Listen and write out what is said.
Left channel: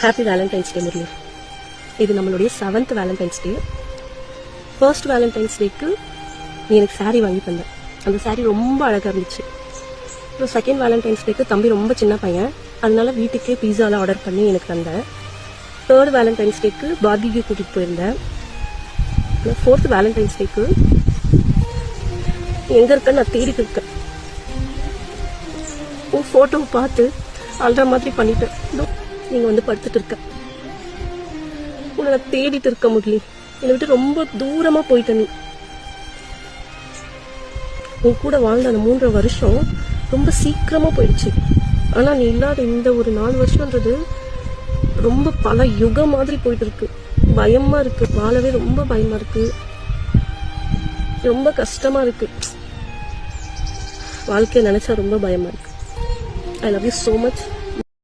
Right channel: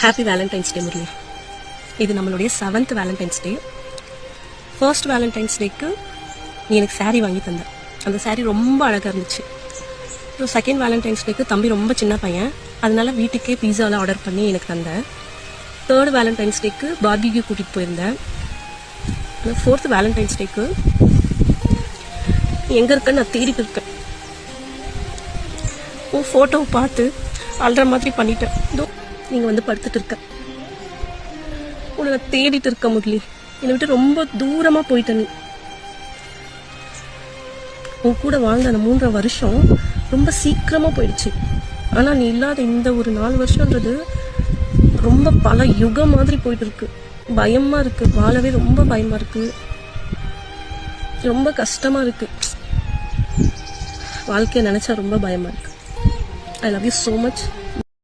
Happy Valentine's டே முரளி. இது நம்மளுடைய 7th Valentine's டே. First Valentine's டேக்கு நீ எனக்கு சாரீ வாங்கி தந்த. அந்த சாரீ ரொம்ப அழகாக இருந்துச்சு. அப்புறம் செகண்ட் வேலண்டைன்ஸ் டேக்கு தம்பி ரொம்ப சின்ன பையன், அதனால வீட்டுக்கே பீஸாவில் ஆர்டர் பண்ணி எனக்கு தந்தேன். தேர்ட் வேலண்டைன்ஸ் டேக்கு பார்பிக்யூ கூட்டிகிட்டு போயிருந்தேன். ஃபோர்த் வேலண்டைன்ஸ் டேக்கு எங்கே இருக்கேன்னு நான் தேடிட்டு இருக்கேன். உன் ஃபோட்டோவை பார்த்து அல்ற மாதிரி பண்ணிட்டேன். நீங்கள் வந்து படுத்துட்டு இருக்க உன்னை தேடிட்டு இருக்க முரளி. என்னை விட்டு ரொம்ப தூரமாக போயிட்ட நீ. உன் கூட வாழ்ந்த அந்த 3.5 வருஷம் ரொம்ப சீக்கிரமாக போயிடுச்சு. ஆனால் நீ இல்லாத இந்த ஒரு 4 வருஷன்றது ரொம்ப பல யுகம் மாதிரி போயிட்டு இருக்கு. பயமாக இருக்கு, வாழவே ரொம்ப பயமாக இருக்கு, ரொம்ப கஷ்டமாக இருக்கு. வாழ்க்கையை நினச்சா ரொம்ப பயமாக இருக்கு. I love you so much.